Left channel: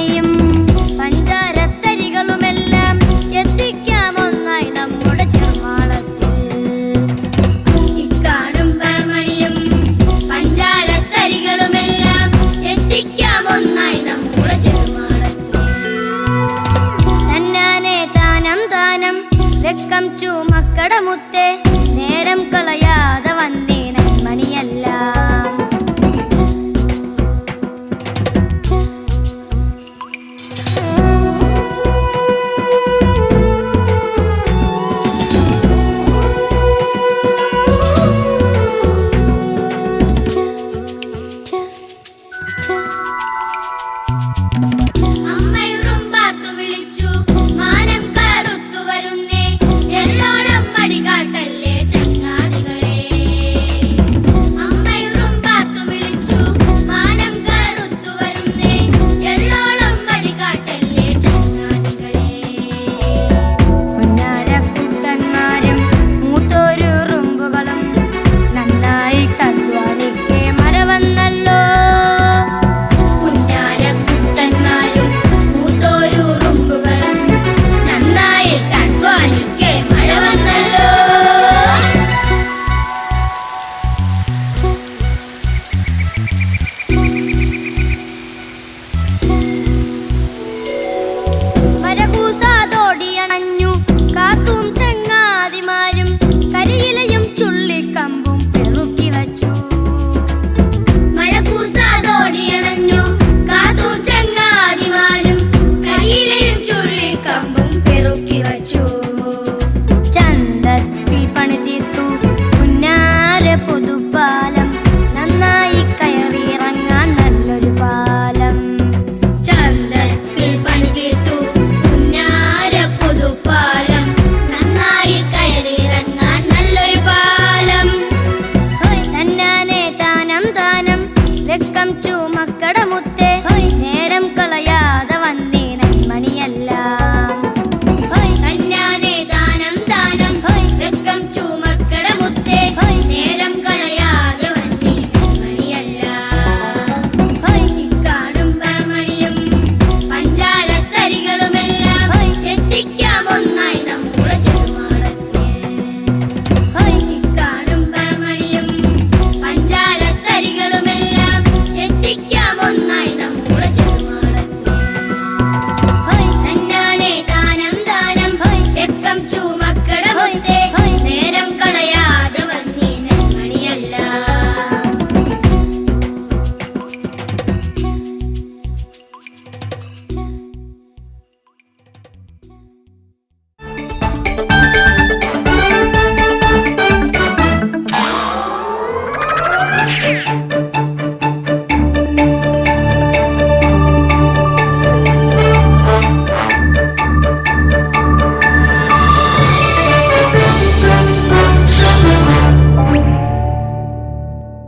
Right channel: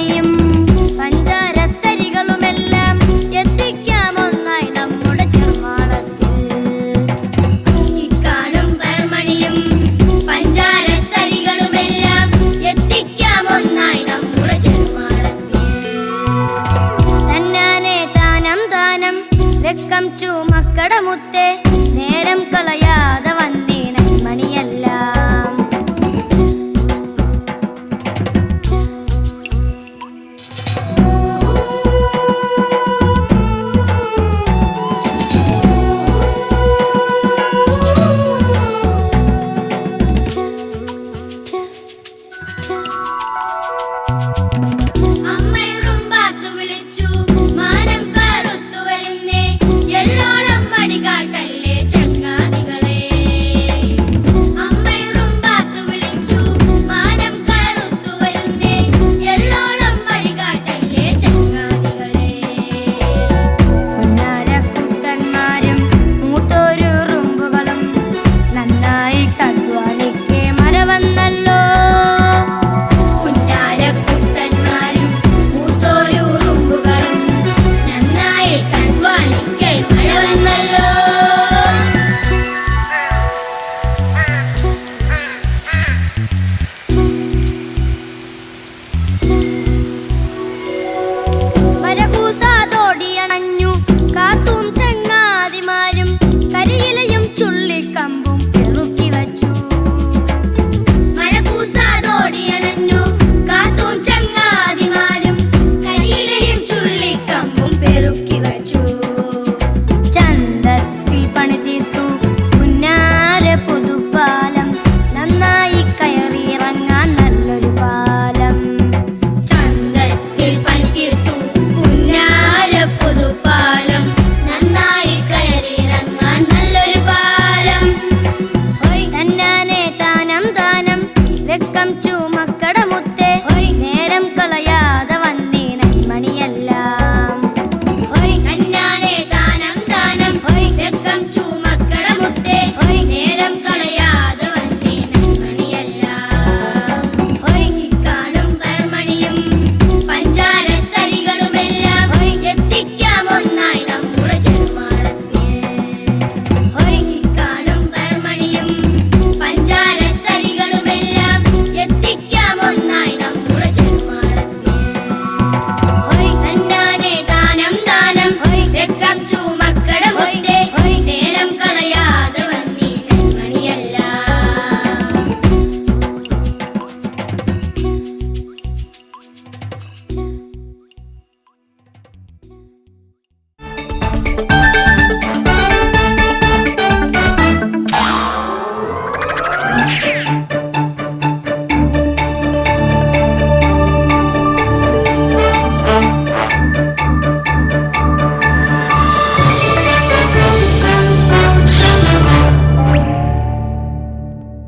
പണിയും പഞ്ചാരത്തരികളുമെല്ലാം എത്തിക്കാം നമ്മുടെ ചെറുമാളത്തിൽ ഇക്കാണും പേർമണിയും പഞ്ചാരത്തരികളുമെല്ലാം എത്തിക്കാം ഒന്നായി നമ്മുടെ ചെറുമാളത്തിൽ തന്നാനെ താനം താനം വെക്കം ചൂമക്കട മുത്തേ は、来。